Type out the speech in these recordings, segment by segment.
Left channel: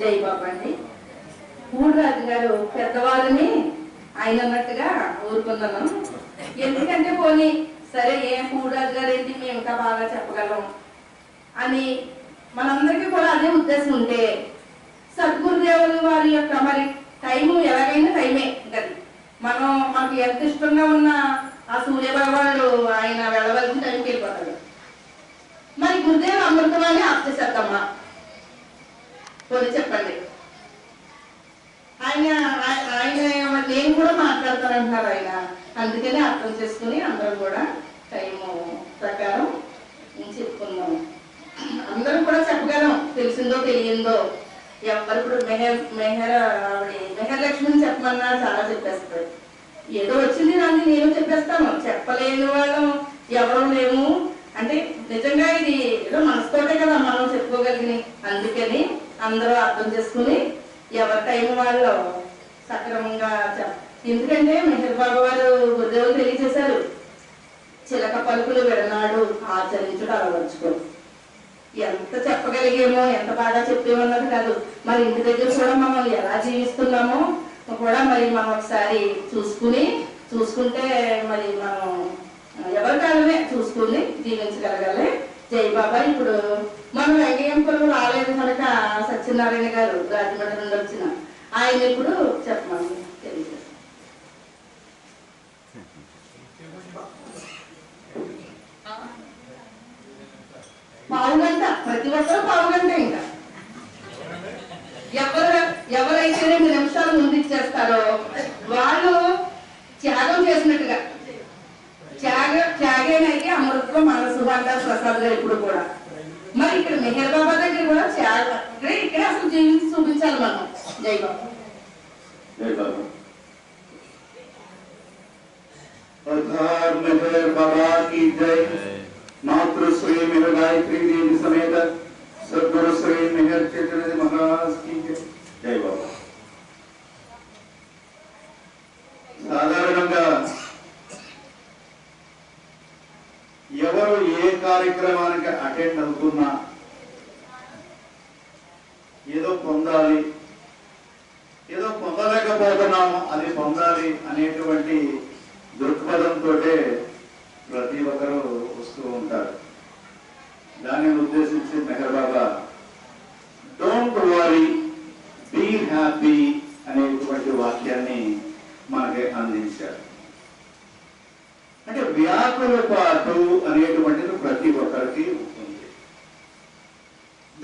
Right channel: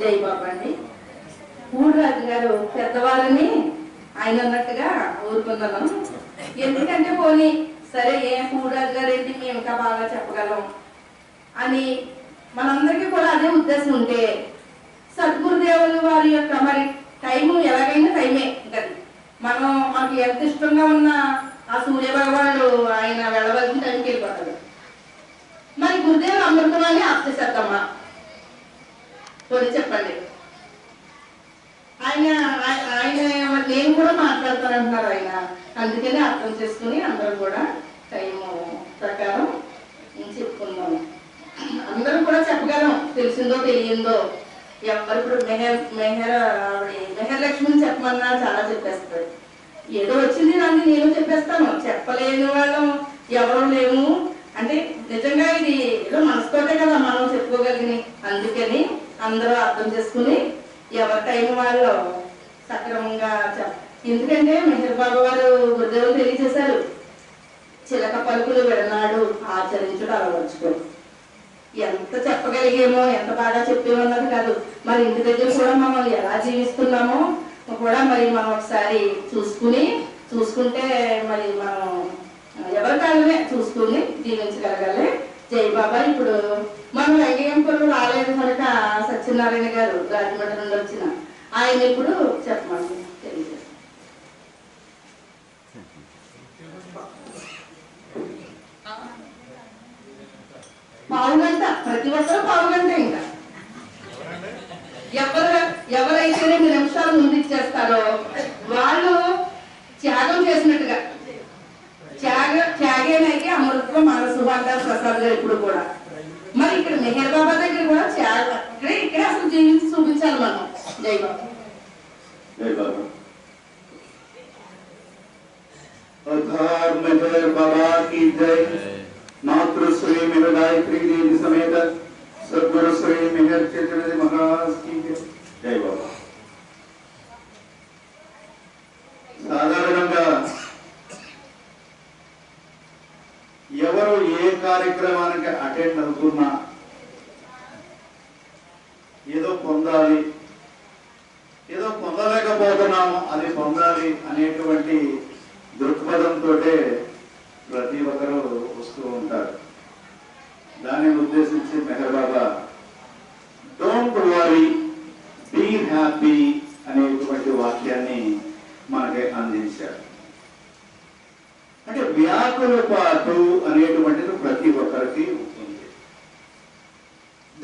జై బాబా అండి. ఊళ్ళరాజు గారు పెద్దవాళ్ళని ఆయన అన్నట్టుగా ఊరుకున్నాను. ఎందుకంటే పోనీ సరే ఏ పూడరాజు గారు ఏంటి మేము ఇంకా బాగా చెప్పగలం అని మనందరికీ కూడా అదే ఉద్దేశం ఉంటే సద్గురుదేవులు వారి యొక్క మరి టైము ఎలాగైనా టైమే గది మనం మనకి ఎంత ఇష్టంగా ఉన్న ఆ సూర్య భగవానుడు ఆయన వెళ్ళవలసిన టైంకి వెళ్ళిపోతాడు. మరి గురుదేవులు అమృతమాన్ని ఆప్ చేసేద్దామా? పోనీ చెప్పండి. ఆయన ఆయ- ఆయన నేను కూడా మాట్లాడతానంటున్నారు ఆయన. అందుకని అర్థం చేసుకుని అందరం కూడా టైం ప్రకారం చెప్పుకుందాం. అందరం కూడా చెప్పగలం తెలిసిందో తెలియందో. ఎవరు ఇప్పుడు మెహర్ మెహర్ ఆవిడ మెహర్ లక్ష్మిని చెప్పమన్నా చాలా చెప్పేస్తారు. ఏదో వచ్చింది నాకు నేను చెప్పేస్తాను. చెప్పలేని వాళ్ళం ఎవరు లేము. అంటే నిజంగా ఇది ఏదో మనసుతోటే కదా మనం చెప్పుకోగలిగిన అందుకని అందరూ అర్థం చేసుకుని ఎవరి టైం వాళ్ళు సక్రమంగా ఎందుకంటే మెహర్ బాబు వారు గురుదేవులు తెలియజేశారు. చిలక పలుకులు విడనాడు ఆచరించుడు అలవర్చుకో. ఎంత చెప్పగలిగేమో ఎంత బాగా చెప్పేమన్నది కాదు. మరి ఇంటి దగ్గర కూడా మనం ఎలా జీవిస్తున్నామో కూడా మరి మనం ఒకసారి చూసుకుని చూసుకుంటే మరి మనం ఎవరి కాలమే చూసుకుని జీవించగలగాలి. జై బాబా. ఇప్పుడు మనం వెంకయ్యంపురం రాలేదు కనుక సత్యనారాయణ గారు రాజమండ్రి నుండి వచ్చిన ఆయన ఇప్పుడు చెప్పమని. పావుగంట. ప్రతి ఒక్కరూ పావుగంట ఇంకా. ఎవరు ఎవరైతే రెండు నిమిషాలు ముందు ఇచ్చేస్తారో వాళ్ళు త్యాగం చేసినట్టుగా. త్యాగ త్యాగేనైతే అమృతం మనసు అంటారు ప్రసాద్ గారు ఇప్పుడు కూడా మరి ఇక్కడ మెహర్ బాబా దగ్గర కూడా త్యాగ ఇక్కడే ఇక్కడే అసలు జీవించి చూపించాలి మనం జై బాబా जय बाबा अवतार मेहर बाबा की जय मातृ श्री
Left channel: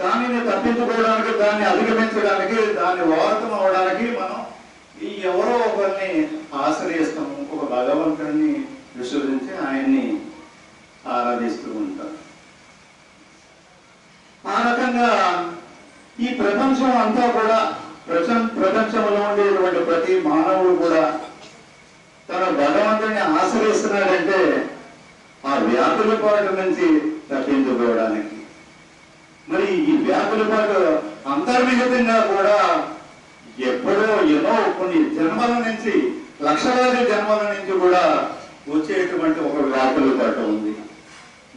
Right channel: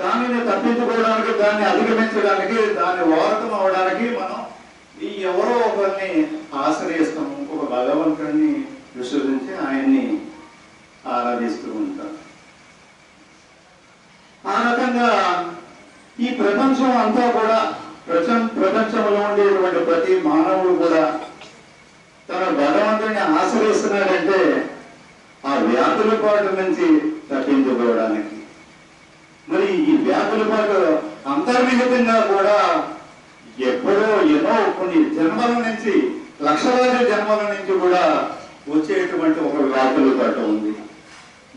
దానిని తప్పించుకోవడానికి దాన్ని అధిగమించడానికి దాన్ని వారతం అవడానికి మనం ఈ ఎవరో ఒకరిని ఆశ్రయిస్తాము. ఒక భగవంతుడిని విశ్వసించి ఆయన్ని ఆరాధిస్తూ ఉంటాం ఆ రకంగా ఈ ప్రపంచం అంతా కూడా ప్రపంచ ప్రపంచంలో ఉండేటువంటి ప్రతి మానవుడు కూడా తన భగవంతుడిని ఆశ్రయిస్తున్నాడంటే ఆ వ్యాధుల పాటు నుంచి తప్పించుకోవడానికి మరి ఈ వ్యాధుల పాటు అంతర్నిహితంగా కూడా ఎప్పుడో ఎన్నో కొన్ని జన్మల నుంచి లక్షలాది జన్మల నుంచి కూడా వచ్చేటువంటి ఒక వ్యాధుల పాటు ఉంది.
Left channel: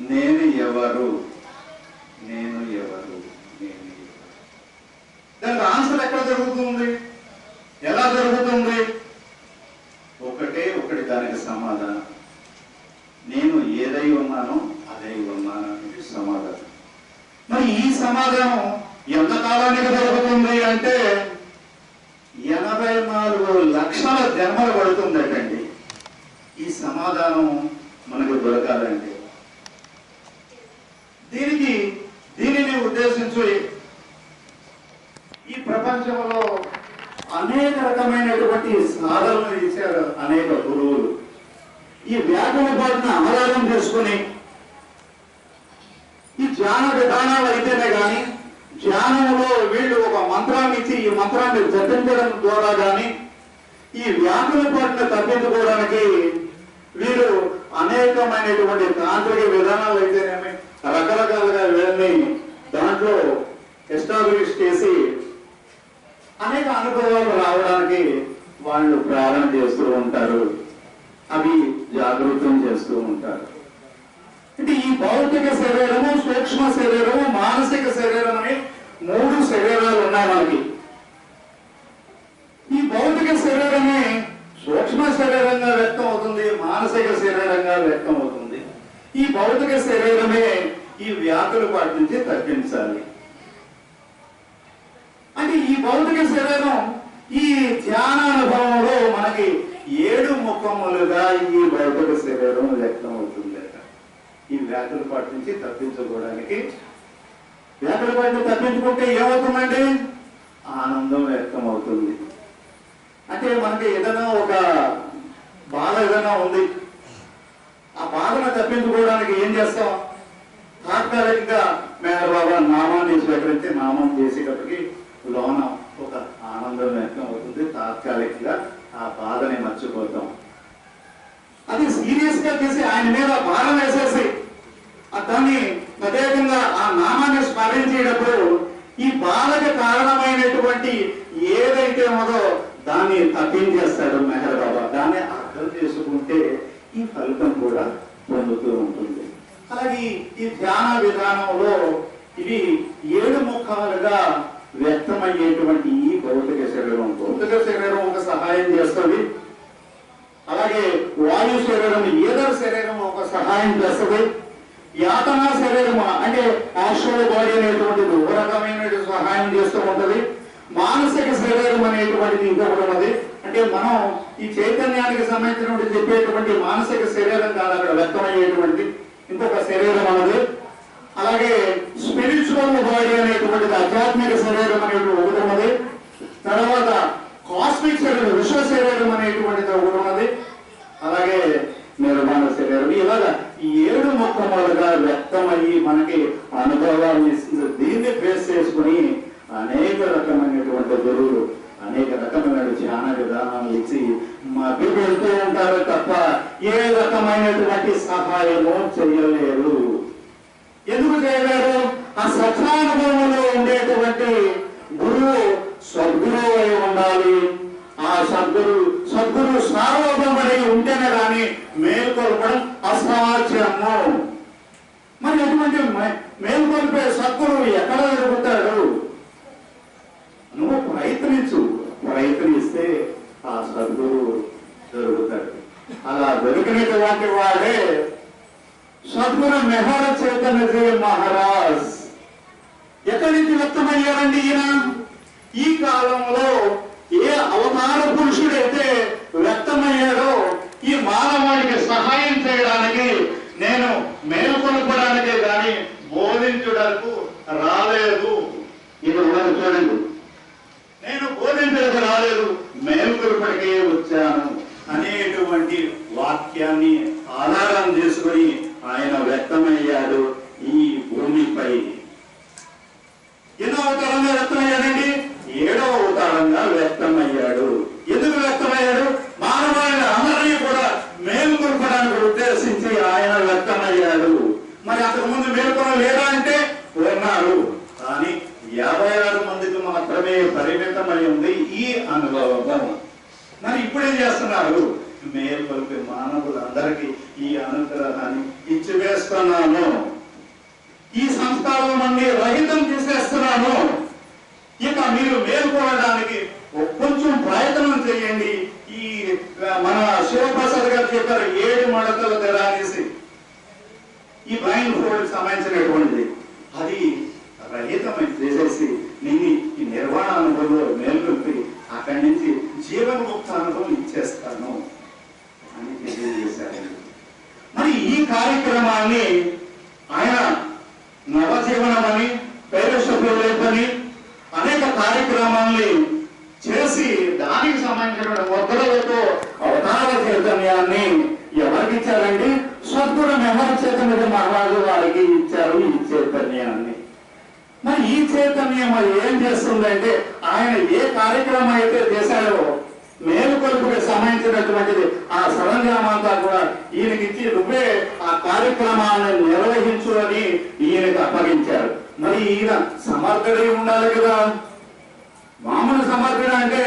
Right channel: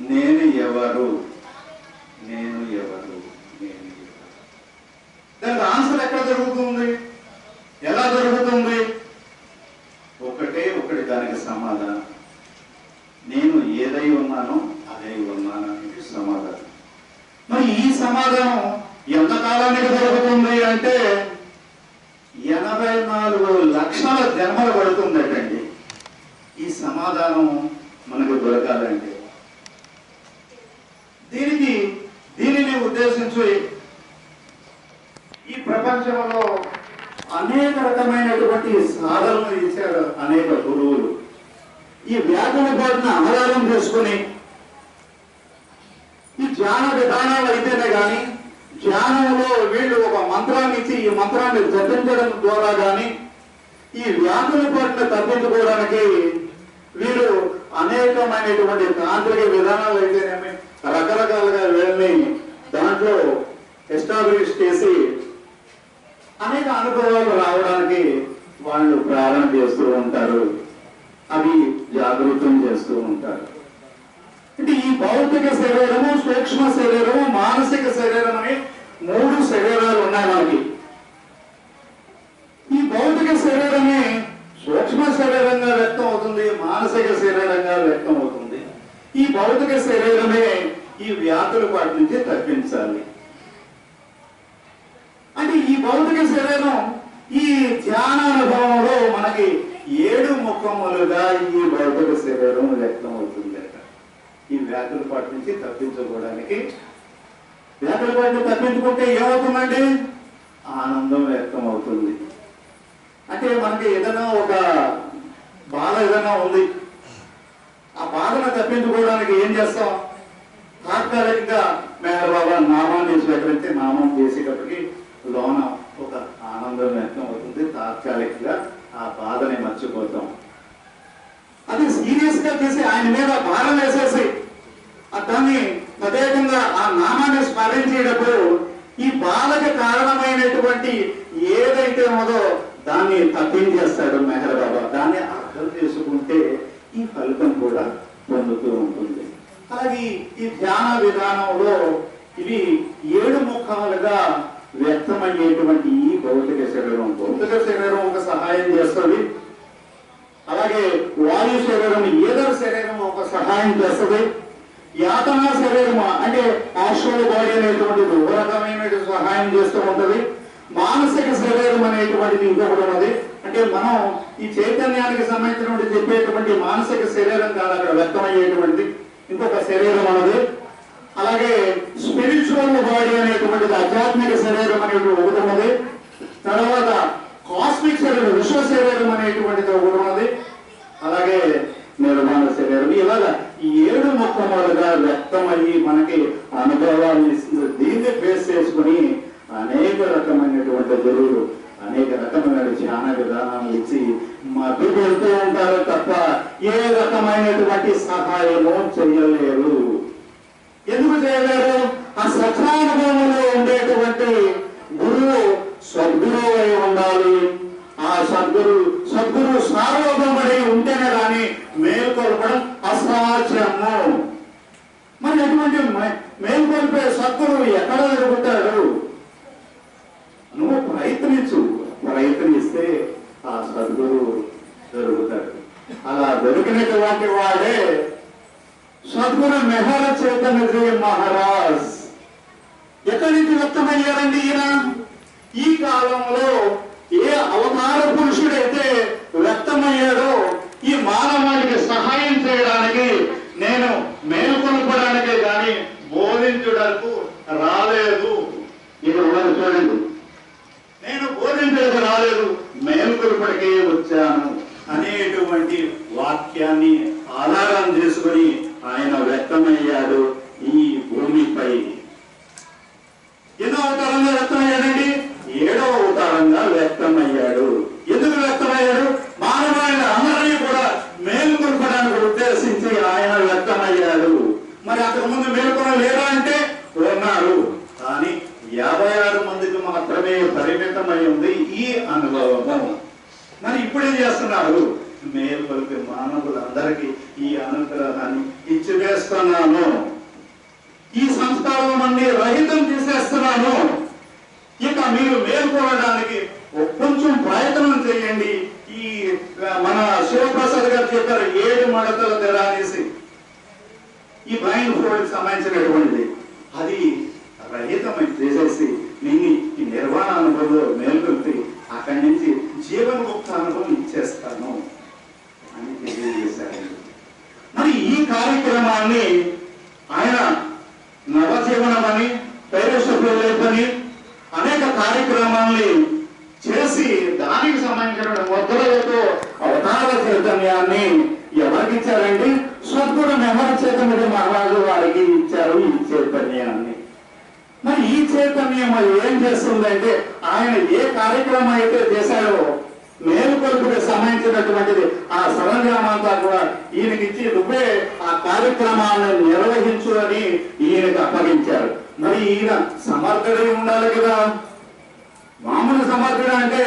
నేను ఎవరు? నేను ఎవరు నేను ఎవరు దానికి ఆన్సర్ ఎక్కడ జరుగుతుంది ఎలా జరుగుతుంది ఒకటే ఒకటి దానికి సమాధానం నేను ఏదై ఉన్నానో అదై ఉన్నాను అనేది సమాధానం మరి ఈ సమాధానం ఎంత కాలానికి దొరుకుతుంది అంటే ఎనభై నాలుగు లక్షల జన్మలు పడుతుందటండి ఈ సమాధానం మనకు దొరకాలంటే దీనికి దీనిని ఉద్దేశించి ఈ ప్రపంచంలో అనేక రకమైనటువంటి సాధనలు ఇచ్చారు అనేక గురువులు ఈ వ్యాకుల పాటును ఆధారం చేసుకుని ఈ ధ్యాన విధానాలు అయితేనే కానీ ధ్యానంలో వీళ్ళు ఒక మంత్రాన్ని ఇచ్చి ఈ మంత్రాన్ని జపించడం ద్వారా కానీ ఈ వ్యాధుల పాటును తప్పించుకోవడానికి వీరు అనేకమైనటువంటి తాంత్రిక విధానాలు అయితేనేమి రకరకాలుగా వీళ్ళని దాంట్లో ఎస్టాబ్లిష్ చేసి అనేక అనుభవాలు రావడానికి వాళ్ళు ప్రారంభం చేస్తూ ఉంటారు. అవి జాగృతం చేస్తూ ఉంటారు. అంటే ఈ భౌతిక శరీరము సూక్ష్మ శరీరము మానసిక శరీరం మూడు శరీరాలు ఉన్నాయి మనకి. ఈ భౌతిక శరీరమే సూక్ష్మ శరీరంగా వ్యక్తం అవుతుంది మానసిక శరీరంగా వ్యక్తం అవుతుంది. ఈ భౌతిక శరీరమే ఈ వ్యాధుల వాటి నుంచి తప్పించాలి. అంటే ఈ భౌతిక శరీరం ఈ ధ్యాన అనుభవంలో మనకి ఏడు ముఖములుగా ఈ భౌతిక శరీరం వ్యక్తం అవుతుంది ఈ వ్యాధుల పాటి నుంచి తప్పించుకోవడానికి వ్యాధుల పాటిని తప్పించుకుంటే ఏమవుతుందండి? ఆనందం వ్యక్తం అవుతుంది అంటే మనకి ఏదైనా ఒక బాధ ఏదైనా ఉంది. ఆ బాధను తప్పించుకోవడానికి ఏం చేస్తాం? తాత్కాలికంగా మేర బాబా నామాన్ని స్వీకరించి నామం చేసేటప్పటికి లోన ఒక ఆనందం వ్యక్తం అవుతుంది తాత్కాలికంగా ఆ బాధని మర్చిపోతాం. అది సీరియస్గా చేసి ఆయన మీద భారం వేసేసి ఆ దాన్ని ప్రత్యేకంగా ఆ నామాన్ని స్మరించేటప్పుడు ఈ బాధకు కారణమైనటువంటి ఏదైతే ఉందో దాన్ని తప్పించేస్తాడు మెహర్ బాబా దాన్ని అర్థం చేసుకుంటే ఈ ఫలితం కూడా పొందుతూ ఉంటుంది. అలాగే ఈ ధ్యాన విధానంలో ఇవి ఏడు ముఖాలుగా వ్యక్తమయ్యేటువంటి ఈ భౌతిక శరీరం. భౌతిక శరీరం ఒక సహాయం చేస్తుంది. అలాగే వాయు శరీరం ఏదో శరీరం ఒక సహాయం చేస్తుంది. యాతన శరీరము? అంటే ఆశ్వల్ బాడీ అనేటువంటిది ఒక రకమైన సహాయం చేస్తూ ఉంటది. మానసిక శరీరం అనేటువంటిది ఇంకొకటి ఉన్నది. అంటే మనం ఈ చైతన్యానికి సంబంధించినటువంటి చెప్పేటువంటి మానసిక శరీరం కాదు అక్కడ వ్యక్తమయ్యేటువంటి ఇంకొక శరీరం అన్నది అలాగే స్పిరిచువల్ బాడీ అనేటువంటిది ఆధ్యాత్మిక శరీరం అనేటువంటి ఒకటి ఉన్నది. తర్వాత కాస్మిక్ శరీరం విశ్వ శరీరం అనేటువంటిది ఒకటి ఉన్నది. అలాగే నిర్మాణ శరీరం. ఇలాగా ఈ ఏడు ముఖములుగా వ్యక్తమయ్యి మనకి అనుభవాన్ని ఇస్తుంది దీన్ని బేస్ చేసుకుని అనేక రకమైనటువంటి గురువులు అనేక రకమైన ధ్యాన విధానాలు ఇచ్చి మభ్య పెడుతూ ఉంటారు తప్ప ఏ రకమైనటువంటి సహాయము చేయలేరు. ఎందుకు చేయలేరు? ఆ సత్యానుభవంలో ఉండేటువంటి గురువు సద్గురువు అయి ఉండాలి. ఆ సద్గురు సద్గురు సార్వభౌమడి ఉంటేనే కానీ మేల్కొల్పడం అసాధ్యము. మరి ఎటువంటి మే- మేల్కొల్పే సద్గురువు ఎక్కడ దొరుకుతాడు? నువ్వు ప్రయత్నించు. ప్రయత్నిస్తే ఆ సద్గురు దొరుకుతాడు అలా దొరికినటువంటి వాడే సద్గురు మెహర చైతన్యజీ మహారాజ్. ఎక్కడి నుంచి వ్యక్తమయ్యారండి ఈయన? ఈ కాలంలో ఏ అవతార పురుషుడైతే వ్యక్తమయ్యాడో ఈ మానవానికి సహాయం చేయడానికి నేను మేల్కొల్పడానికే గాని బోధించుటకు రాలేదు. ఇది ఉన్నది చూడండి. నేను బోధించడానికి రాలేదు మేల్కొల్పడికే వచ్చాను అనేటువంటి వాక్యాన్ని ఆధారం చేసుకొని ఆయన వ్యక్తమయ్యాడు ఈ భూమిపై. ఎన్నో అవతారంగా వ్యక్తమయ్యాడండి? ఏడవ అవతారంగా వ్యక్తమయ్యాడు మానవాళి అందరినీ కూడా మేలుకొల్పడానికి ఉద్దేశించి ఆయన వ్యక్తమయ్యాడు మరి అంతకు ముందు మేలుకొన లేరా అంటే ఉన్నారు కానీ యాభై ఆరు మందికి మాత్రమే పరిమితమై ఉంది ఈ అనుభవము మరి ఇప్పుడు ఏం చేస్తున్నారు మేల్కొల్పే మానవులందరికీ ఈ అనుగ్రహాన్ని ఇచ్చివేస్తున్నాను ఈ సంస్కారం అన్ని రహితం చేసేస్తున్నాను ఇక మీరు మేల్కొనడానికి కొంచెం ప్రయత్నం చేయండి ఈ ఆ, మన శివప్రసాద్ గారు చెప్పారు ఏడు మడతల తెర అనేసి ఈ బ్లైండ్ ఫోల్డ్ సంబంధించినటువంటిది అది రహితమై చేసేసి నేను ఈ నిర్వాణ అనుభవంలో మేల్కొల్పి అక్కడి నుంచి జీవన్ముక్త అనుభవం ఇచ్చేస్తాను అని తెలియజేశారు మరి ఈ కార్యక్రమాన్ని ఆయన నవజీవనం అని పైరసభ్యులని అనేక కార్యక్రమాల్ని చేసి దానికి సంబంధించిన ముద్రలతో అవతార చైతన్యాన్ని ఎవరికి ఇచ్చారండి సద్గురు నెహర చైతన్య మహారాజు వారికి ఇచ్చారు ఈ చైతన్యాన్ని. మరి ఈ చైతన్యం ఏం చేస్తుందంటే ఆయన ఏ కార్యక్రమం అయితే చేశాడో మేలుకొలుపుకి సంబంధించినటువంటిది ఆ సరంజామంతా కూడా ఈయనకి ఇచ్చి నువ్వే ఆ కార్యక్రమాలను నిర్వహించు అని ఈయనకు అప్పగించారు. మరి ఈయన సమర్థుడై ఉండాలి కదా. మామూలు సమర్థుడు అంటే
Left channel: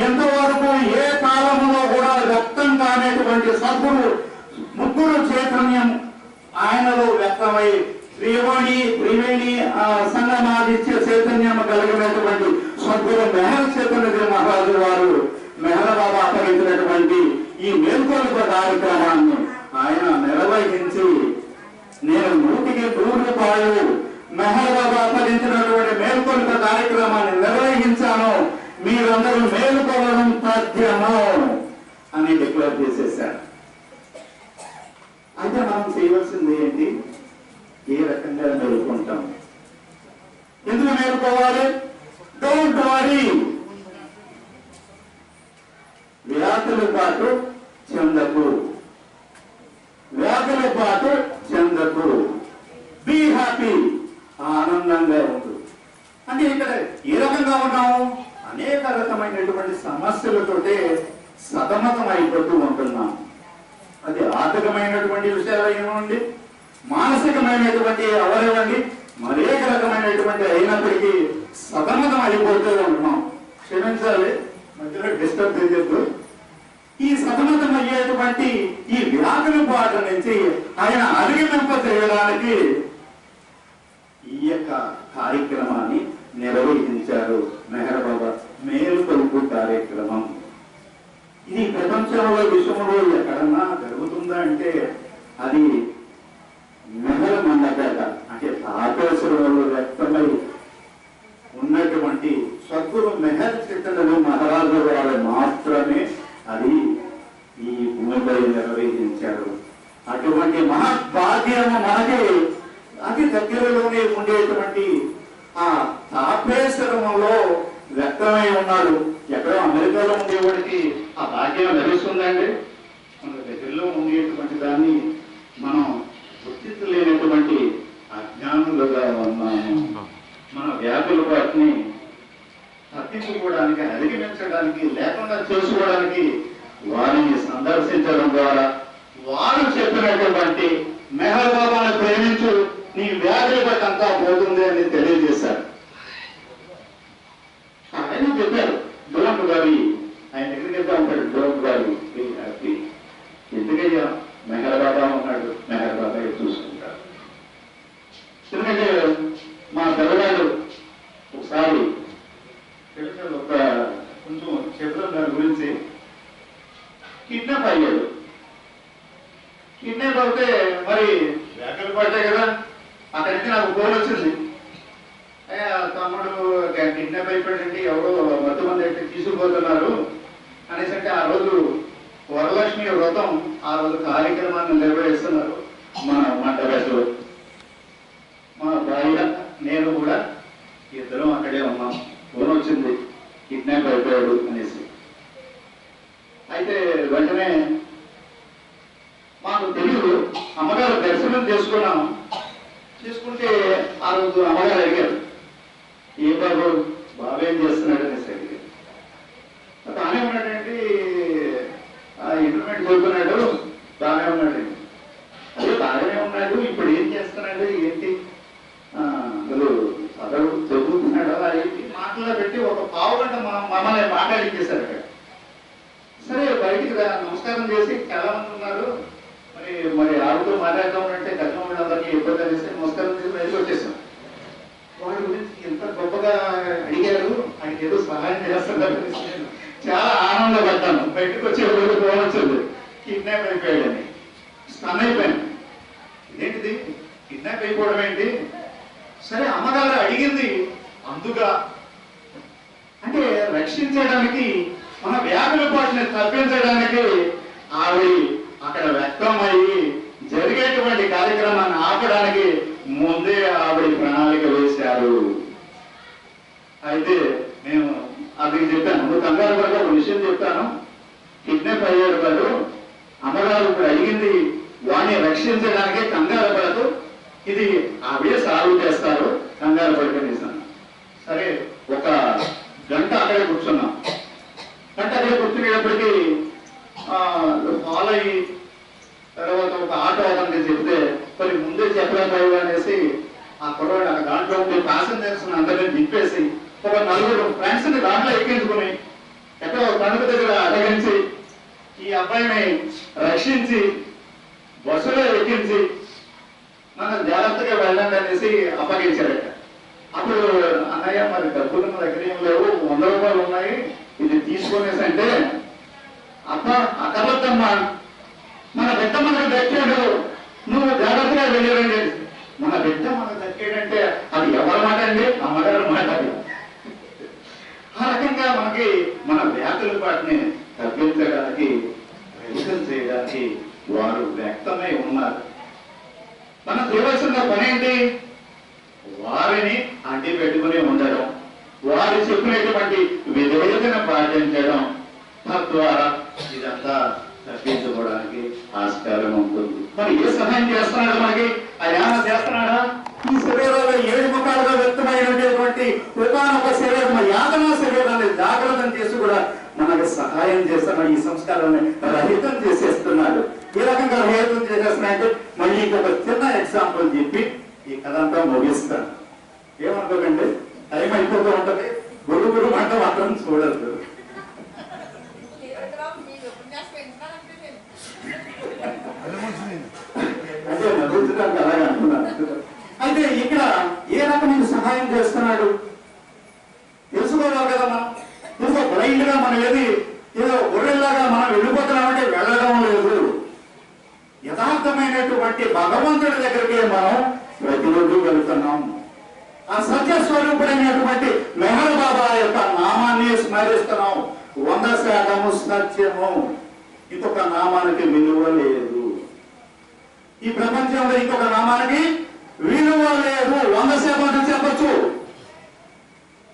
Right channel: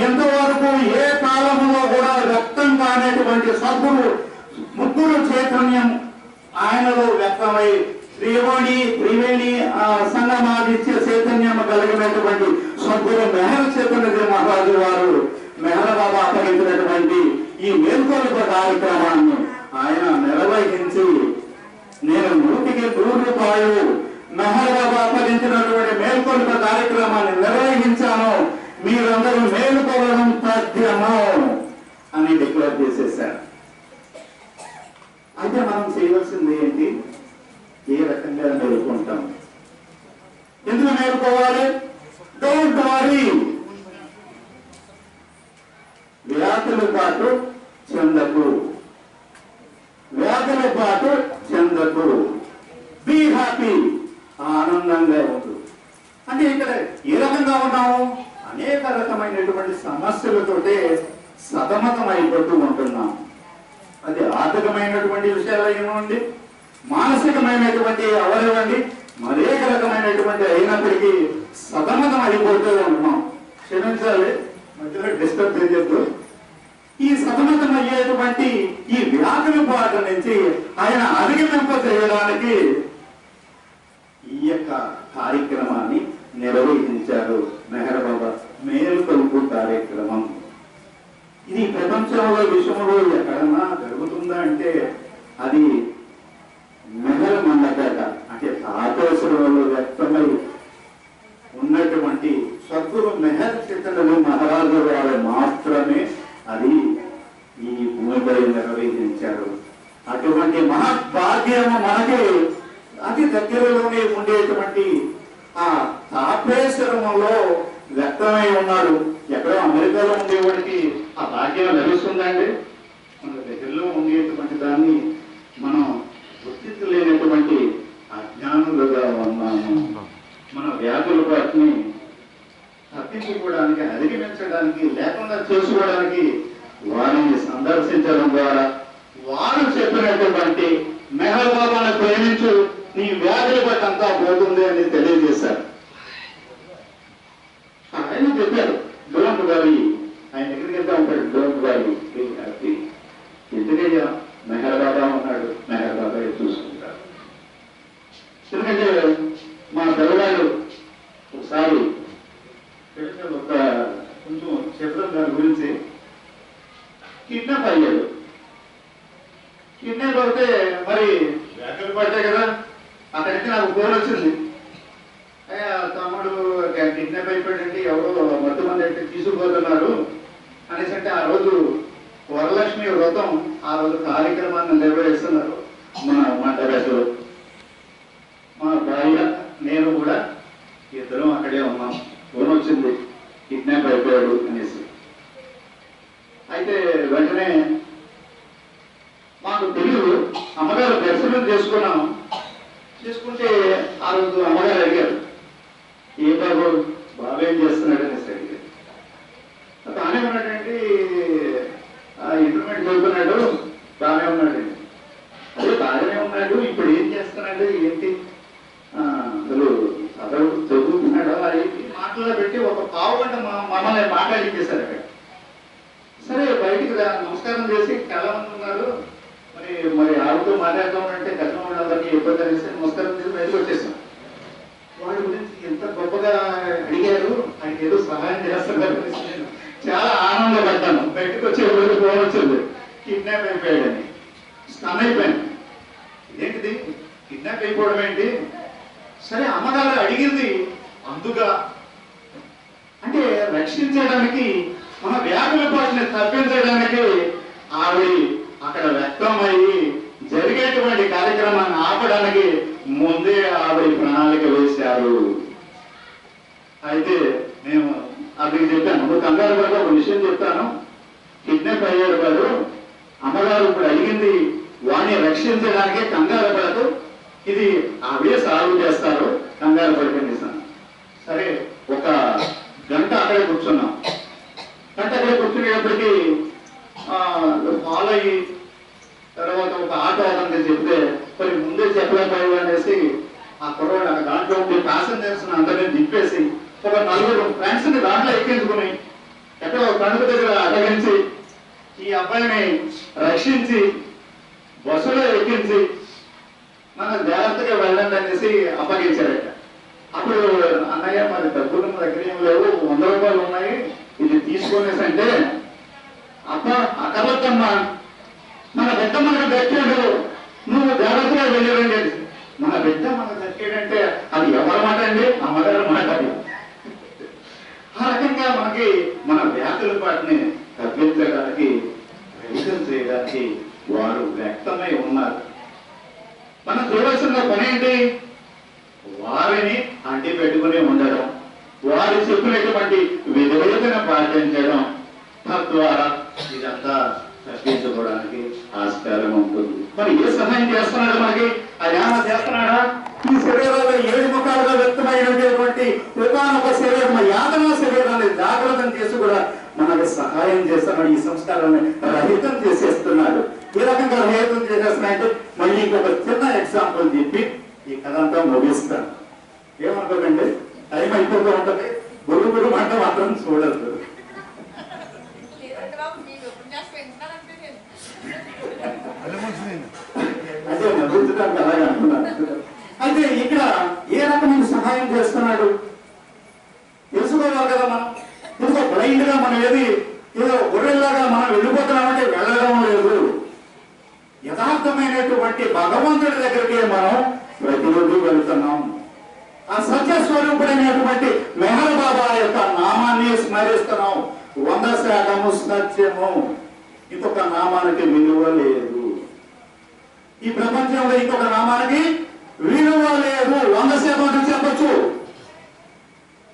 ఎంతవరకు ఏ కాలంలో కూడా వ్యక్తం కానటువంటి సద్గురు ముగ్గురు చైతన్యం ఆయనలో వ్యక్తమై శ్రీవాణి త్రివేణి ఆ సంగమాదిత్య చైతన్యం కలిగినటువంటి సద్గురు మెహర్ చైతన్య మహారాజు వారు మెహల బాబా అప్పగించినటువంటి ఈ మేల్కొల్ప కార్యక్రమాన్ని ఆయన నిర్వహించి నేను నూటికి నూరు రూపాయలు మెహర్ బాబా అప్పగించినటువంటి మేల్కొల్ప కార్యక్రమాన్ని నిర్వహించాను. మీరందరూ మేలుకోవడం సాధ్యము? అని డిక్లేర్ చేసేసారు అయితే మనం చేయవలసింది ఏంటి? ఏ రకంగా మేలుకుంటాం? ఎందుకు మేలుకోవాలి? డోంట్ వరీ వ్యాధుల పాటు చెందకు. వ్యాధుల పాటు చెందకు. బీ హ్యాపీ ఆనందంగా ఉండు. అంటే ఇక్కడ ఏ రకంగా ఉన్నాము? అనేక రకమైనటువంటి సమస్యలతోటే సతమతం అయిపోతూ ఉంటున్నాం అది ఆర్థికమైనటువంటి విషయాలు అయినండి మానసికమైనటువంటి అవయవండి మరేక రకమైనటువంటి అయినప్పటికీ సతమతం అయిపోతూ ఉంటున్నాం క్షమించాలి మధ్యలో డిస్టర్బ్ చేయొద్దు. ఈ సతమతమయ్యేటువంటి ఈ వ్యాకుల పాట నుంచి ఆయన అధిగమింప చేయడానికి ఈ యొక్క కార్యక్రమాన్ని నిర్వహించారు మెహర్ మేలుకొలుపు కార్యక్రమం. ఇది ప్రపంచంలో విషయంలో ఎక్కడన్నా జరుగుతుందా అంటే అది మెహర్ మండపేట అంటే తాపేశ్వరంలో వ్యక్తమై ఉన్నటువంటి సద్గురు మెహర్ చిత్తడలు మహారాజు వారు మాత్రమే అది ఈ భూమిపై నిర్వహించారు అటువంటి మహద్భాగ్యము మనకి అతి దగ్గరలోనే ఉండేటువంటి ఆ తాపేశ్వరంలో వ్యక్తమై ఉన్నాడు ఎక్కడో అమెరికాలో ఉండేవాడికి ఆ భాగ్యం లభిస్తుందండి మన దగ్గరలో ఉండేటువంటి దాన్ని మనం గుర్తించలేనటువంటి అజ్ఞానులుగా ఉన్నాము మన వ్యాధుల వాటిని తప్పించుకోవడానికి అధిగమించడానికి లేకుండా చేసుకోవడానికి వారిని సందర్శించడం ద్వారా వారు చెప్పినటువంటి మెహర్ బాబాను ప్రేమించు నీ వ్యాధుల బట్టి అంతా పోతుంది అని తెలియజేశారు ఆయన చెప్పారు డోంట్ వరీ ఆయన దగ్గరికి వెళ్తా ఉంటాడు డోంట్ వరీ హ్యాపీ ఎందుకయ్యా మెహర్ బాబా ఉన్నాడు మెహర్ బాబా చూసుకుంటారు ఎందుకంటే మా పిల్లవాడు ఒకసారి తెలిసిన ఒక కొంచెం చెప్పడం దాని గురించి కిడ్నాప్ అయ్యాడు కిడ్నాప్ అవుతే మరి వ్యాఖ్యలు పడతాయి కదా అక్కడి నుంచి నాకు ఫోన్ వచ్చింది ఏ, తమ్ముడు కిడ్నాప్ అయిపోయాడంటే ఎవరో మొత్తం మంది అయితే తీసుకుపోతున్నారు అనేసి అంటే ఆ రోజు వరలక్ష్మి వ్రతం ఆ రోజు కార్యక్రమాన్ని నిర్వహిస్తున్నారు మా మా టెరస్లో మా భార్య నేను కూడా ఇద్దరం అక్కడే ఉన్నాం ఫోన్ వచ్చింది కిడ్నాప్ అయిపోయాడు అనేసి అయితే వెంటనే మాకు తెలియదు అమ్మగారు దర్శనం చేసుకున్నాము చేసుకుంటే ఆ రోజు అమ్మగారు అడిగారు ఏ బాబు బాబు ఏం చేస్తున్నాడు అనేసి అడిగారు బాగానే ఉన్నాడండి ఇంటర్మీడియట్ చదువుతున్నాడు బాగానే ఉన్నాడండి అదే బాగానే ఉన్నాడు ఇప్పుడు ఏం చేస్తున్నాడు ఏంటి ఆ, అసలు చదువు చదువుతున్నాడు అది మాటల్లో పెట్టి ఒక పావు గంట మా- మమ్మల్ని మాట్లాడించేశారు అక్కడ సరే బయటికి రా నమస్కారం చేసి చాలా మంది ఉన్నారు మరి మరి ఆవిడతో మాట్లాడదాం అంటే గతంలో వాళ్ళందరికీ ఇబ్బంది అనేసి నమస్కారం చేసి బయటకు వచ్చేసాం వాళ్ళ గురించి ఎంత అడిగారు. ఆయన ఏదో సహాయం చేస్తున్నారు చాలా ఆనందపడ్డాను బయటకు వచ్చే రోజు ఫోన్ కిడ్నాప్ అయిపోయాడని. స్టన్ అయిపోయాను. ఇదేంటిది కిడ్నాప్ అయిపోవడం ఏంటి? సరే అమ్మగారు అడిగింది. అందుగా. అంటే రక్షించడానికి మన వ్యాధుల పాటిని తప్పించడానికి ఆవిడ అక్కడ వ్యక్తమయ్యి జరిగేటువంటి కార్యక్రమాన్ని ఆపడానికి ముందే ఆవిడ ప్రణాళిక వేశారు. అయితే మేము అతనికి చెప్పాను. ఒక కంగారు పడక ఒక విషయం చెప్తాను. కిడ్నాప్ అయ్యాడు కాదు అమ్మగారు ఇప్పుడు అడిగింది వాడిని రక్షించడానికే కంగారు పడదు ఇది అవే సాల్వ్ చేస్తారు కంగారు పడిపోయింది సరే ఒక గంట అక్కడే కూర్చున్నాం. గంట అక్కడే కూర్చునేటప్పటికీ ఫాలో అయ్యి తర్వాత ఒక ఆటో అతనికి చెప్తే మరి ముందే చెప్పలేకపోయావు అనేసి ఆ కుర్రాడు ఆ దాంట్లో ఉండే ప్యాసింజర్స్ అందరినీ దింపేసి ఒక నలుగురు ఫ్రెండ్స్ని దాంట్లో ఎక్కించుకుని ఎక్కడో కణుకు దగ్గర అడగించి ఈ అబ్బాయిని రక్షించి బస్సులో ఎక్కించి మనం జాగ్రత్తగా వెళ్ళండి అనేసి అప్పగించారట. అప్పుడు అన్నయ్య మరి డబ్బులు మన దగ్గర ఏం లేవు వంద రూపాయలు ఉన్నాయి ఇది తీసుకునేసి అంటే అప్ప అక్కర్లద్దమ్మా మన బిడ్డ మనకు దక్కాడు నువ్వు జాగ్రత్తగా వెళ్ళిరండి మన బిడ్డ మనకు దక్కాడంటే అది ఎవరి మాట అండి? అమ్మగారి మాట అది మనకి మన వ్యాధుల వాటిని తగ్గించడానికి ప్రయత్నం చేయడానికి వారు వ్యక్తమై ఉన్నారు. మనం చేయవలసిన పని ఏంటి? వారిని అంటి పెట్టుకుని ఉండడం వారు చెప్పినటువంటి విధేయతను పాటించడం తద్వారా ఇదంతా తగ్గించుకోవడానికి ఆస్కారం ఉంటుంది. మరి ఏ సహాయం చేస్తున్నాడు మనకి ఆయన ఏమైనా చేస్తున్నాడా? ఈ శరీరంలో ఏడు ముఖాలుగా వ్యక్తమైనటువంటి ఒకనొక శరీరం యాతన శరీరాన్ని జాగ్రత్తం చేసి కూడా మనకు సహాయం చేస్తున్నాడు ఈ సంస్కారాన్ని రహితం చేసేస్తున్నాడు. ఈ రకంగా రహితం చేసేస్తున్నాయంటే మళ్ళీ ఇంకొక చిన్న ఎగ్జాంపుల్ చెప్పి ఈ కథ అంతా ముగిస్తాను. ఏమనుకోకండి? టైం అయిపోతూ ఉంటది. గురు గురు అంటే మాత్రం చూడదు అంటే నవ్వుతున్నాను అలాగే అంటున్నాను అయితే ఇక్కడ ఏ రకమైన సహాయం చేస్తున్నాడు? తెలుసుకోవాలి కదా మనం. తెలుసుకో బ్లైండ్గా మనం ఏది ఏదో గొర్రెల్లాగా మనం వెళ్ళిపోతున్నామంటే వెళ్ళడం లేదు. యథార్థమైనటువంటి భగవంతుడి దగ్గరికి మనం ప్రతిరోజు వెళ్తున్నాం. ఆ సత్య స్వరూపుడైనటువంటి మెహర్ బాబా యొక్క నామాన్ని స్మరిస్తున్నాం. వంద శాతము సత్యము. ఇంకొక నామానికి విలువ లేదు. ఈ ప్రపంచంలో ఇంకొక నామానికి విలువ లేదు. వంద శాతం చెప్పచ్చు.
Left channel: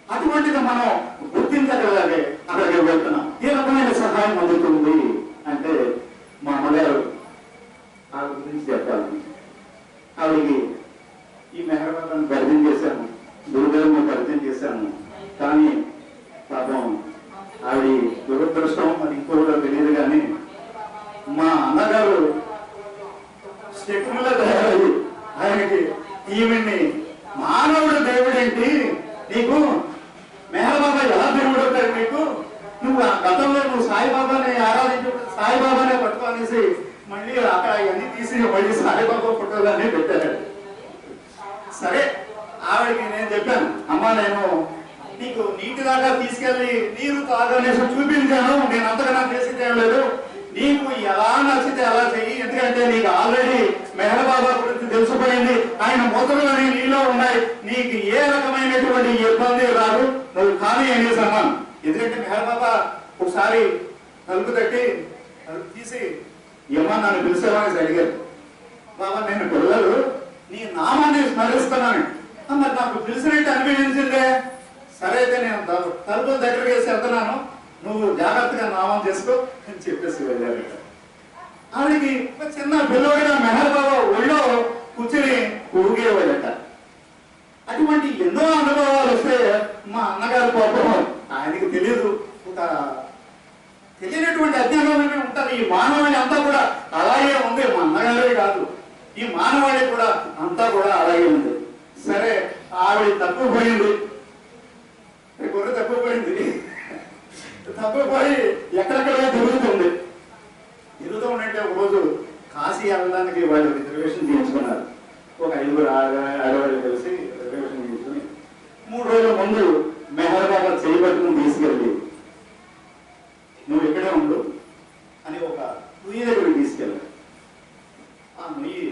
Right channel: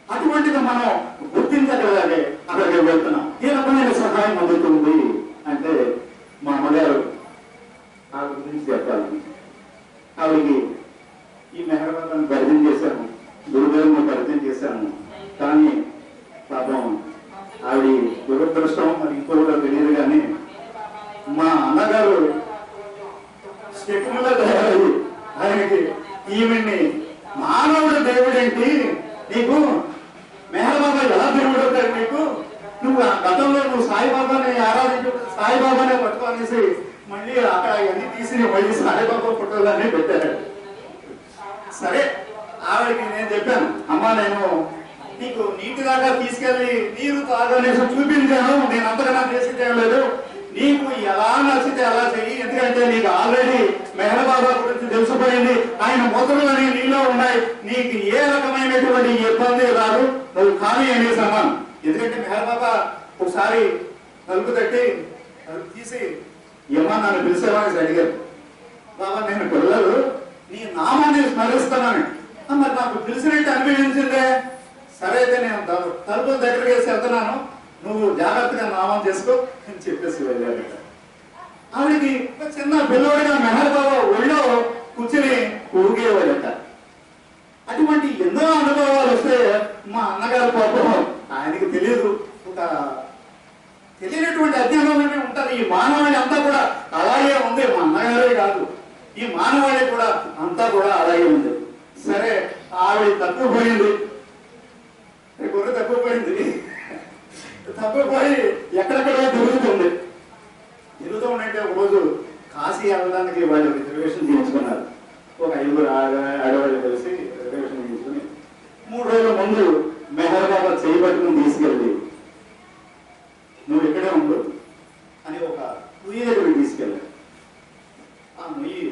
అటువంటిది మనం గుర్తించగలగాలి. అక్కడికి వెళ్తున్నాం. ఈ రకమైన సహాయం అందుతుంది అంటే మా అమ్మగారు ఆవిడ గురించి చెప్పాలి ఆవిడకి ఈ మెహర్బాబాను పరిచయం చేశాను గురుగారిని పరిచయం చేశాను కానీ పాపం ఆవిడ దురదృష్టం మరి ఇంకోగా తెలియదు కానీ మా అన్నగారు స్టెప్పుల తయారయ్యి ఆయనకి ఈమెని మానవుడు దేవుడేంటి నీకు మేహబాబా ఎలా దేవుడు అవుతాడు నీకు నువ్వు ఆ గతంలో నువ్వు సాయిబాబాని ఆరాధించు సాయిబాబానే పట్టుకొనేసి మళ్ళీ అక్కడ ఇవన్నీ తీసి మళ్ళీ సాయిబాబా ఫోటోలన్నీ పెట్టారు సరే ఆవిడకి నేను చెప్పాను అమ్మా నేను నీకు నీటి దాకా తీసుకెళ్ళి నీరు తాగనేసి చూపించాను నేను అంతకన్నా చేసింది ఏం లేదు నీకు ఎలా నచ్చితే అలా చెయ్యి. ఎందుకంటే నీకు ఆల్రెడీ మెహరబాబా గురించి తెలిసిపోయింది ఆయన మొదలుని నీలో ఉన్నాయి. నీకు ఏ రకమైనటువంటి ఇబ్బంది రాదు. నువ్వు ఖాళీ అనేసి అన్నాను ఎందుకంటే మెహరబాబా ఒకసారి తలుపు తట్టి తలుపు తీసి ఏమన్నా నన్ను పిలిచేవాళ్ళకి అడిగారు. బాబా నేను పిల్లలు. నీ నామాన్ని స్మరిస్తున్నాను. మరి నాకు పిలిచినట్టు అనిపించిందే. సరే అయితే నేను తలుపు దగ్గరికి వేసి వెళ్తున్నాను నువ్వు జాగ్రత్తగా నామం చేసుకో అని చెప్పేసి వెళ్ళాడు ఆవిడకి ఒక చిన్న పిల్లవాడిగా మెహర్ బాబా ఒళ్ళో కూర్చుని ఊగేవాడట అటువంటి ఎన్నో అనుభవాలు వస్తే మా అన్నగారు పాపం ఆయనకి తెలియదు. ఒక తెలియనటువంటి అజ్ఞానంలోనే ఉంటారు. ఈ మానవాళి అంతా కూడా అలాగే ఉంది. మా అన్నగారే కాదు. ఈ మానవాళి కూడా అంతా కూడా అలాగే ఉంది. సరే ఆవిడ తప్పిపోయింది. ఈ గొర్రె తప్పిపోయింది. తప్పిపోయి ఎక్కడెక్కడో తిరుగుతుంది. తిరుగుతూ ఉంటే ఒకరోజు కాశీ వెళ్ళడానికి వాళ్ళు రిజర్వేషన్ చేయించుకున్నారు ఒక ఐదుగురు ఆడ- ఆడవాళ్ళు కలిసి రిజర్వేషన్ చేయించుకుని మూడు రోజుల ముందు మెహర్ బాబా చేయబట్టుకుని తీసుకెళ్ళి నువ్వు ఇక్కడే ఉండు అని ఒక నుయ్యి దగ్గరికి తీసుకెళ్ళాడు ఆ నుయ్యి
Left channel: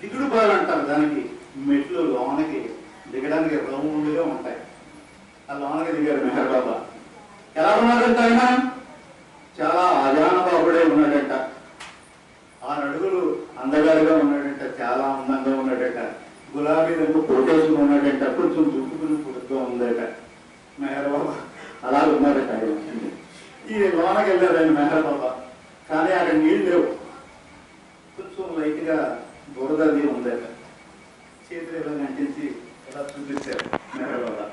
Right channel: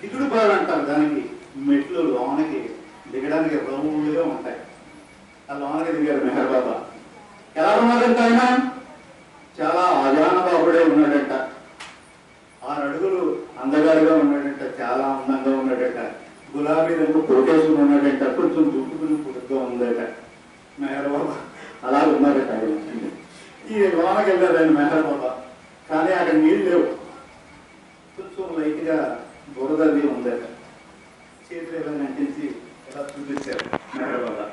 దిగుడు బాలు అంటారు దానికి మెట్లు లోనకి దిగడానికి రౌండ్గా ఉంటాయి. ఆ లోనకి దిగారు మెహర్ బాబా ఎలా ఉన్నాడంట ఆయన? చాలా అజానబాబుడే ఉన్నాడంట. అడుగులు అందగారుగా ఉన్నాడంట చాలా అందంగా ఉన్నాడట. గులాబీ రంగు కోటేసుకుని ఉన్నాడంట కొంచెం దుక్కుకుని పుట్టుగా ఉందట. మెహర్ బాబా అలా ఉన్నారట ఆయన. ఈ లోనకి వెళ్ళాడు ఆయన మెహర్ బాబా కానీ అక్కడ నీళ్ళు లేవు. కొంచెం లైట్గా బురదది ఉందట. చేతులు ఇలా అంటించి ఇలా చూపించారు మెహర్ బాబా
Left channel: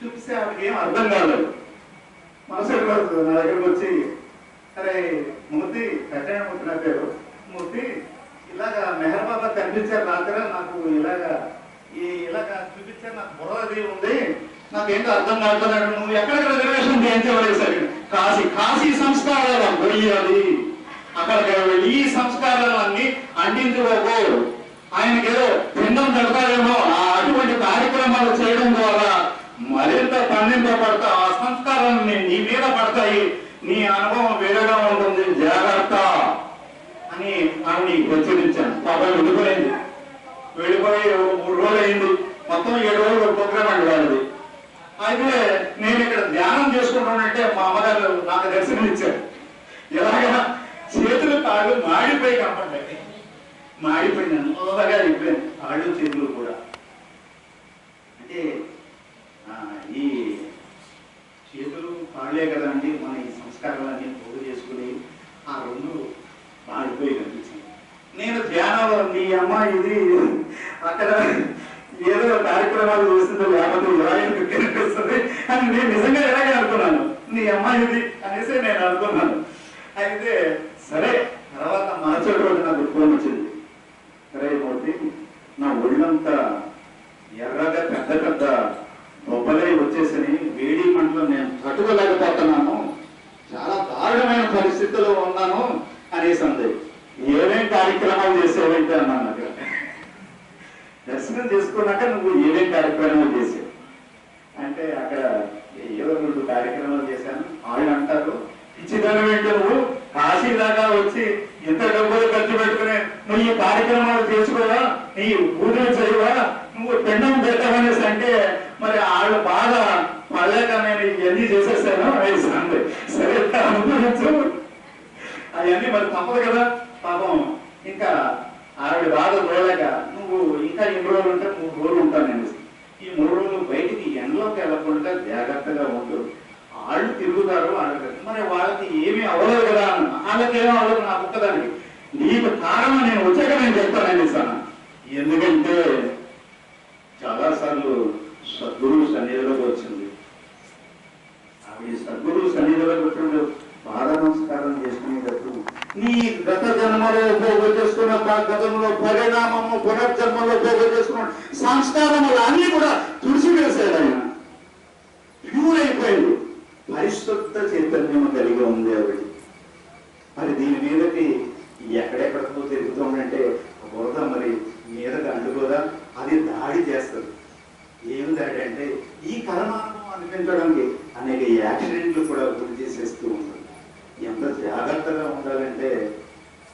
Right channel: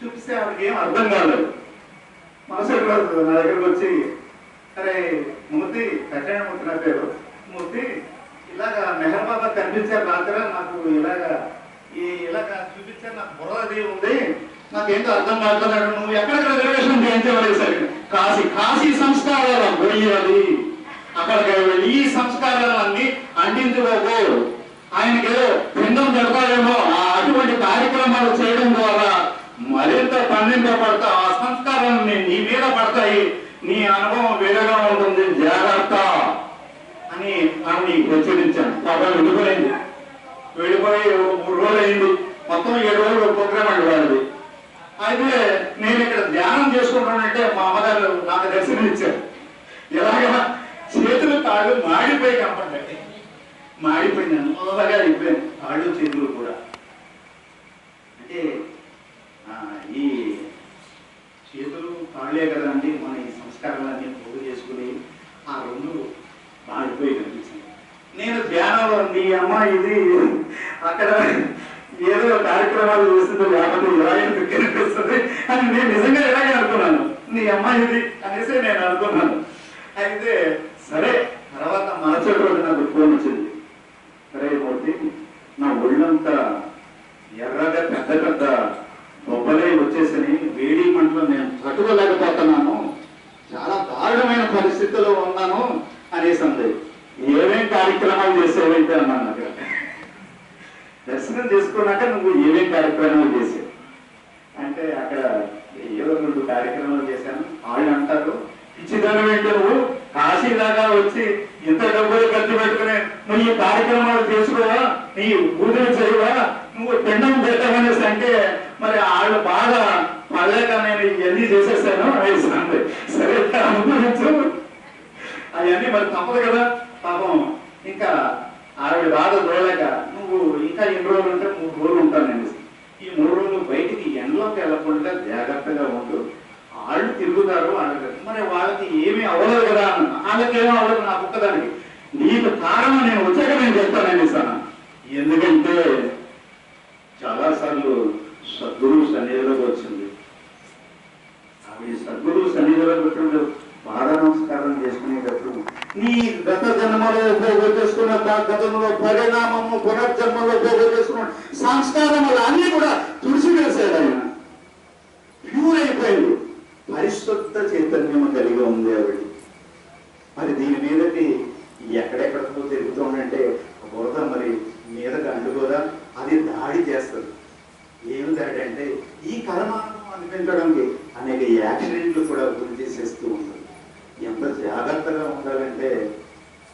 చూపిస్తే ఆవిడకి ఏం అర్థం కాలేదు. మనసు నా దగ్గరకు వచ్చి అరే మూర్తి కట్టాడు నా పేరు. మూర్తి ఇలాగా మెహర్ బాబా కనిపించారు రాత్రి నాకు ఇలాగా ఈ ఇలాగా చూపించారు నాకు బుర్రది ఉంది. నాకేంటో అర్థం కావట్లేదు నువ్వు ఎక్కడికి రిజర్వేషన్ చేయించవాలి సరే కాశీ కాశీ సంస్కారాలు పోయాలి అక్కడికి వెళ్ళి ఈ సంస్కారాలన్నీ అందించుకోకు ఆయనకి ఏదో పిండం పెడతారేమో ఆ అటువంటి కార్యక్రమాలు చేయడం ద్వారా మరింత పండింపబడతా ఆ సంస్కారాన్ని నీ మీద పడతాయి. నీ అనుభవం వేరేగా ఉంటుంది. జాగ్రత్త. అని ఆమె హెచ్చరించాను పాపం వెళ్ళిపోయింది. వెళ్ళిపోయి ఒక మూడు రోజులు అయింది మొత్తం ఏడు రోజులు ప్రోగ్రామ్ అండి వాళ్ళది. అయితే నేను ఇక్కడ ధ్యానం చేసుకుంటానంటే మా అమ్మగారు నాకు దర్శనం ఇచ్చారు. ఎలాగా? చేతులు కాళ్ళు మాడిపోయి కనపడ్డాయి. మాడిపోయినాను. అలాగా అయిపోయాను కాళ్ళు చేతులు కూడా. అంటే ఈ చేతులు కాళ్ళే అండి మన ఈ సంస్కారాలన్నీ పోగు చేసుకుని ఆ రెండు ఆగిపోయింది నేను ధ్యానంలో మీ అమ్మ ఇది అక్కడ ఏదో కార్యక్రమాలు చేస్తుందో లేకపోతే ఇలా ఎందుకు కనిపిస్తుంది? అని నేను నిజంగా ఇలాగే అనుకున్నాను. నీ అమ్మ ఇది అనేసి నేను అనుకున్నాను. అయితే సరే తర్వాత మరచటి రోజు నాకు ఫోన్ వచ్చింది. సరే మూర్తి నా ఒళ్ళంతా ఎర్రగా పెద్ద పెద్ద బొబ్బలే వచ్చేసని వేడి మంటలో నేను తట్టుకోలేకపోతున్నాను. చాలా దారుణమైన పరిస్థితిలో ఉన్నాను. అనేసి అంది ఏమేం కార్యక్రమాలు చేసేవైతే అన్నాను నాకు దర్శనం చేసుకున్నాక నువ్వు ఏమేం కార్యక్రమాలు చేసావు? అంటే అక్కడ ఏదో రెండు కార్యక్రమాలు చేశాను. వాళ్ళు అంటారు పిచ్చిదానం ఏంటి నువ్వు? కాశీ దాకా వచ్చి ఇంత డబ్బులు ఖర్చు పెట్టుకుని నువ్వు ఈ కార్యక్రమాలు చేసుకోవా? నీ పూజలు చేయవా? నువ్వు పిండం పెట్టవనేసి అంటే మరి వాళ్ళు బాగా పడలేక నేను ఇవన్నీ చేసేసాను. అనేసి అంది సరే అనుభవించు అవన్నీ మరి తప్పదు కదా. పాపం ఇంకా ఆవిడ బాధ చూడలేక నువ్వు ఇంకా ఎన్ని రోజులు ఉంటే మూడు రోజులు ఉంటాను నేను. ఈ మూడు రోజులు బయటికి ఎండలోకి వెళ్ళకుండా జాగ్రత్తగా ఉండు. వాళ్ళు తిరుగుతారు వాళ్ళకి మరి వాళ్ళకి ఏమీ అవ్వలేదు కదా అన్న. వాళ్ళకేమీ అవ్వలేదు నాకు ఒక్కదానికి నీకు కారణం నేను వచ్చాక నేను చెప్తానని సార్ ఎందుకంటే చాలా సార్లు సద్గురు సన్నిధిలోకి వచ్చింది. ఆవిడ సద్గురు సన్నిధిలోకి వచ్చినప్పుడు పాద నమస్కారం చేసుకునేటప్పుడు నీ గత జన్మలో పోగు చేసుకున్న గతంలో పరిణామము పునర్జన్మలో పోగు చేసుకున్న సంస్కారములు అన్ని కూడా తుడిచి వేసాడు ఆయన ప్యూర్ అయిపోయాడు పరిశుద్ధ చైతన్యం కలిగి ఉంది ఆవిడ. మరి దీని మీదకి ఎక్కడెక్కడికో తిరుగుతూ ఉండంటే బురద మరి మీదకి అంటుకోదా అది దాడి చేస్తుంది ఏమి దాడి అంటే ఈ కర్మానుభవం అనిపించడానికి అనేక యాక్సిడెంట్లు కూడా గురి చేసేస్తూ ఉంటుంది ఎంత జాగ్రత్తగా ఉండాలంటే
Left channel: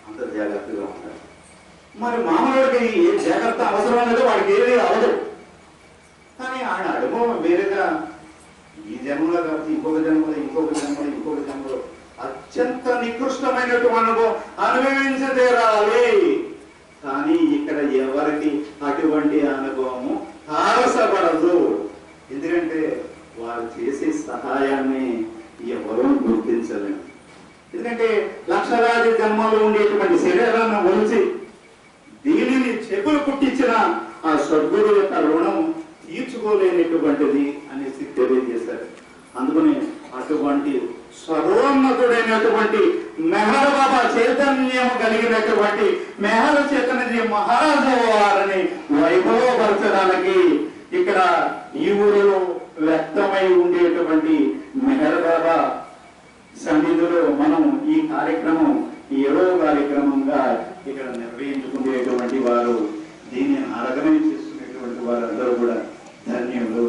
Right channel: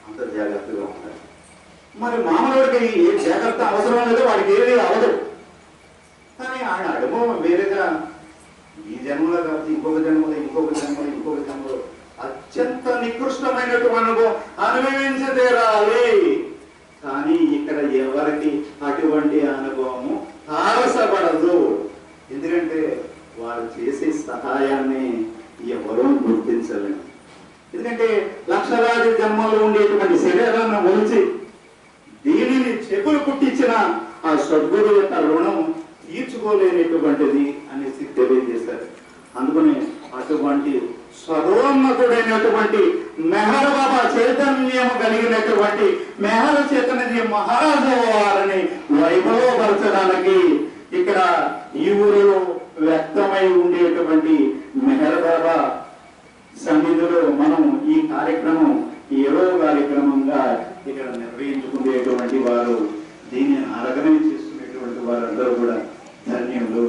అంత జాగ్రత్తగా ఉండాలి మరి మామూలుడికి ఏ జాగ్రత్త అవసరం లేదో వాడికి ఏది అవదు కానీ ఆయన అనుభవం వేరేగా ఈ జన్మలో కాదు ఇంకొక జన్మలో ఇంకొక జన్మలో ఇంకొక జన్మలో అత్యంత నికృష్టమైనటువంటి అనుభవం అనుభవించి తీరాలి కానీ ఇక్కడ ఎవరికి అటువంటి అనుభవము తారసపడదు ఎందుకంటే వారు చేసే సహాయాన్ని ఎవరూ గుర్తించలేరు ఎందుకంటే లక్షలాది జన్మలో ఉండేటువంటి శరీరాన్ని ఒలిచి దీనిని చెప్పులు పుట్టించిన ఆ సద్గురు యొక్క రుణం తీర్చుకోలేనటువంటిది అనేసి తెలియజేశారు. అందుకని అటువంటి సర్వోన్నతుడైనటువంటి మెహర్ బాబా చైతన్యం కలిగినటువంటి మెహర్ చైతన్య మహారాజు వారిని వైభవపరచడానికి ఇక్కడ ఈ ఊరిలో వ్యక్తమై ఉండేటువంటి మెహర్ బాబా సన్నిధిలో మనం ఈ కార్యక్రమం ఏడో కార్యక్రమంగా ఇక్కడ నిర్వహించుకునేటువంటి వారు దీన్ని ఆర్గనైజ్ చేస్తున్నటువంటి వారందరూ కూడా ధన్యులు.